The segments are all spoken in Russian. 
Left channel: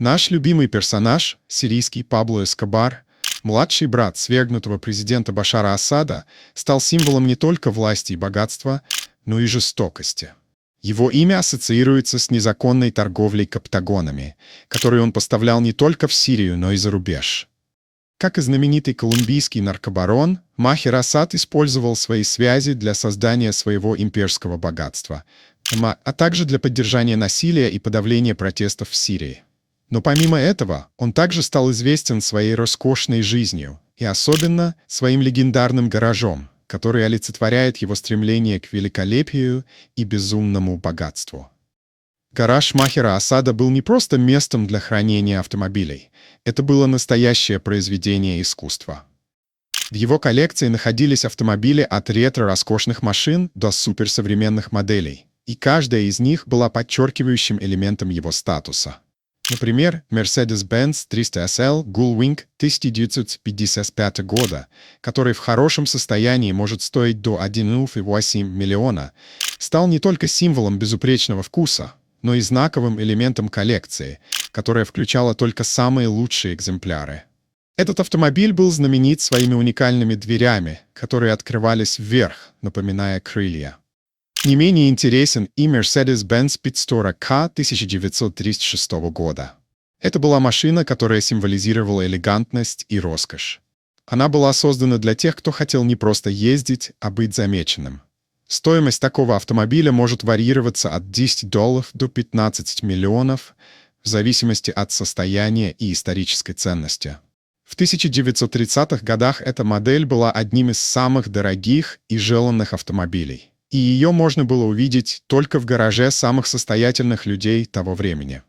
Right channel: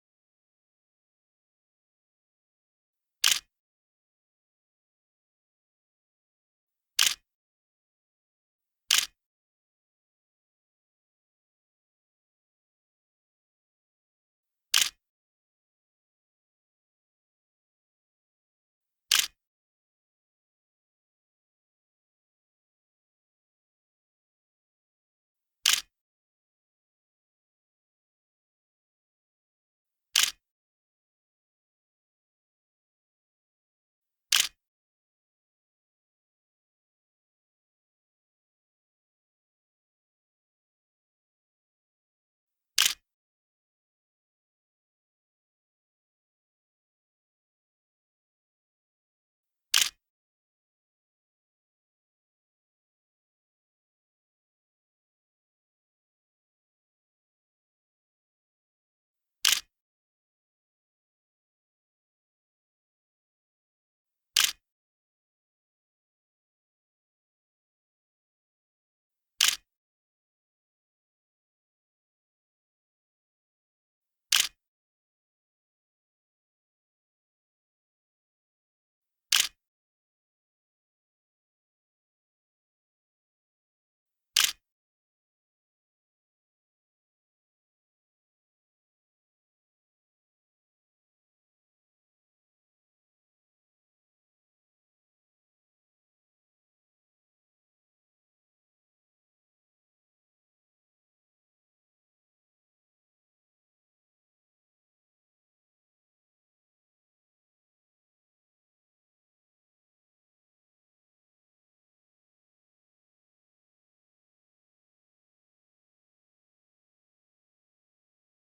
Наш любимый персонаж, сирийский Пабло Эскобар, младший брат свергнутого президента Башара Асада, стал символом не только власти и богатства, но и жестокости. Его имя ассоциируется с незаконной торговлей каптагонами, которую он поставлял не только в Сирию, но и за рубеж. Как и знаменитый колумбийский наркобарон, Махер Асад использовал свои связи для создания своего имперского богатства, а также для поддержания насилия и подавления протестов в Сирии. Но помимо этого, он также стал известен своей роскошной жизнью и особенно своим легендарным гаражом, который олицетворяет его стремление к великолепию и безумному богатству. Гараж Махера Асада был не просто местом для хранения автомобилей. Это было настоящее произведение искусства. В его коллекции находились автомобили от ретро-роскошных машин до суперсовременных моделей, и каждая из них была подчеркивающим элементом его статуса. Например, Mercedes-Benz 300 SL Gullwing 1955 года, который в хорошем состоянии может стоить до 1,8 миллиона, стал не только символом безупречного вкуса, но и знаковым элементом коллекции, которая включала только самые лучшие экземпляры. Этот автомобиль был знаменит своими уникальными дверями, которые открывались вверх, напоминая крылья. Не менее интересен и Mercedes-Benz Speedster K 1936 года. Это была машина, которая символизировала элегантность и роскошь. Она была создана для тех, кто хотел не просто ездить, а быть замеченным. Стоимость такого автомобиля может варьироваться от $10 до 15 миллионов, в зависимости от состояния и исторической ценности. В 1930-х годах эта модель была одним из самых дорогих и желанных автомобилей, и ее можно было увидеть только в гараже самых состоятельных людей того времени.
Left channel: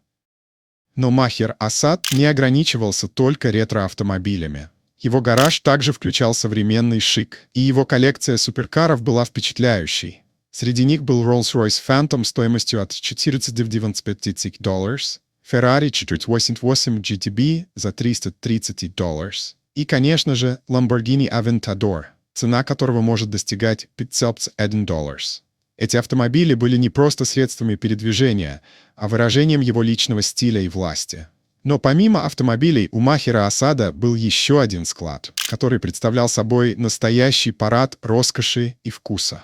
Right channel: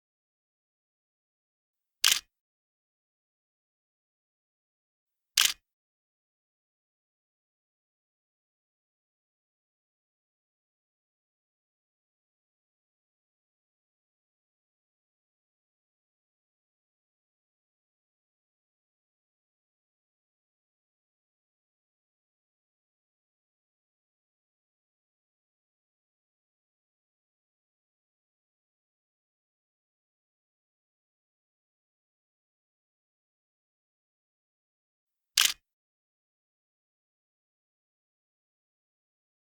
Но Махер Асад не ограничивался только ретро-автомобилями. Его гараж также включал современный шик, и его коллекция суперкаров была впечатляющей. Среди них был Rolls-Royce Phantom стоимостью от $495, Ferrari 488 GTB за $330 и, конечно же, Lamborghini Aventador, цена которого может достигать $501. Эти автомобили были не просто средствами передвижения, а выражением его личного стиля и власти. Но помимо автомобилей у Махера Асада был еще один склад, который представлял собой настоящий парад роскоши и вкуса.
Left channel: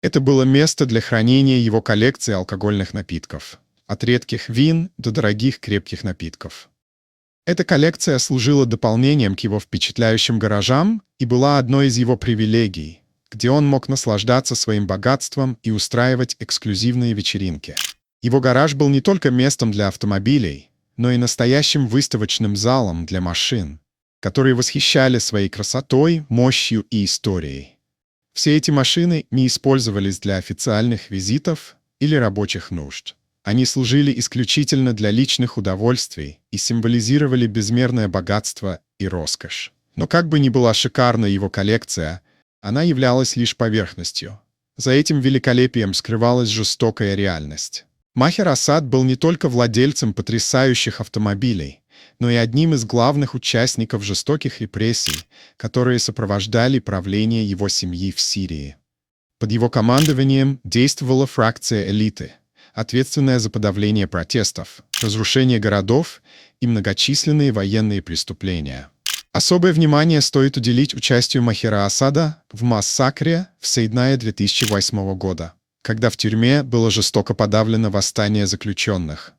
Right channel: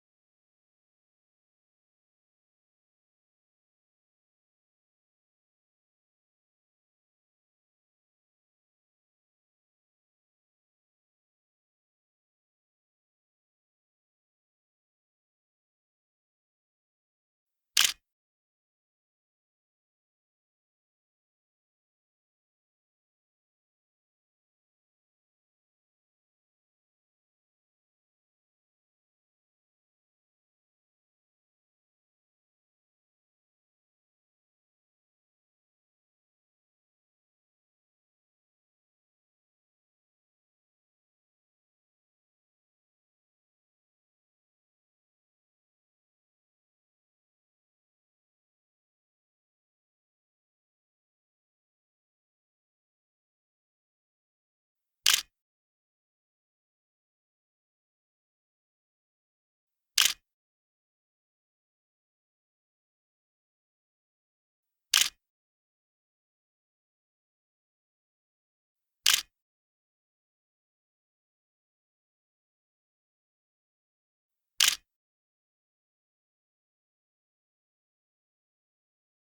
Это было место для хранения его коллекции алкогольных напитков, от редких вин до дорогих крепких напитков. Эта коллекция служила дополнением к его впечатляющим гаражам и была одной из его привилегий, где он мог наслаждаться своим богатством и устраивать эксклюзивные вечеринки. Его гараж был не только местом для автомобилей, но и настоящим выставочным залом для машин, которые восхищали своей красотой, мощью и историей. Все эти машины не использовались для официальных визитов или рабочих нужд. Они служили исключительно для личных удовольствий и символизировали безмерное богатство и роскошь. Но как бы ни была шикарна его коллекция, она являлась лишь поверхностью. За этим великолепием скрывалась жестокая реальность. Махер Асад был не только владельцем потрясающих автомобилей, но и одним из главных участников жестоких репрессий, которые сопровождали правление его семьи в Сирии. Под его командованием действовала фракция элиты, ответственная за подавление протестов, разрушение городов и многочисленные военные преступления. Особое внимание стоит уделить участию Махера Асада в массакре в Сейднае 2008 года, когда в тюрьме было жестоко подавлено восстание заключенных.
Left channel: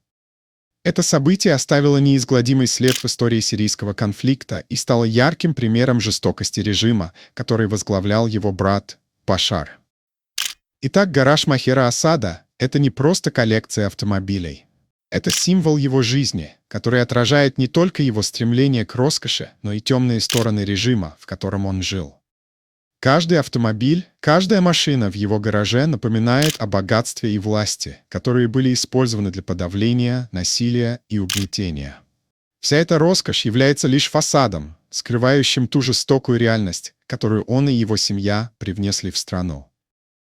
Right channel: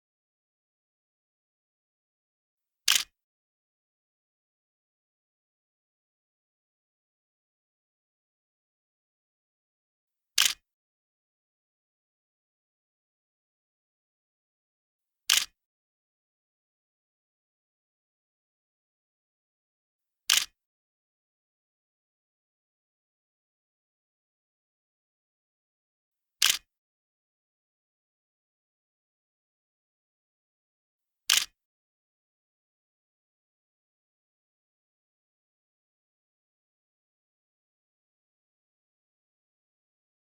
Это событие оставило неизгладимый след в истории сирийского конфликта и стало ярким примером жестокости режима, который возглавлял его брат Башар. Итак, гараж Махера Асада — это не просто коллекция автомобилей. Это символ его жизни, который отражает не только его стремление к роскоши, но и темные стороны режима, в котором он жил. Каждый автомобиль, каждая машина в его гараже напоминает о богатстве и власти, которые были использованы для подавления, насилия и угнетения. Вся эта роскошь является лишь фасадом, скрывающим ту жестокую реальность, которую он и его семья привнесли в страну.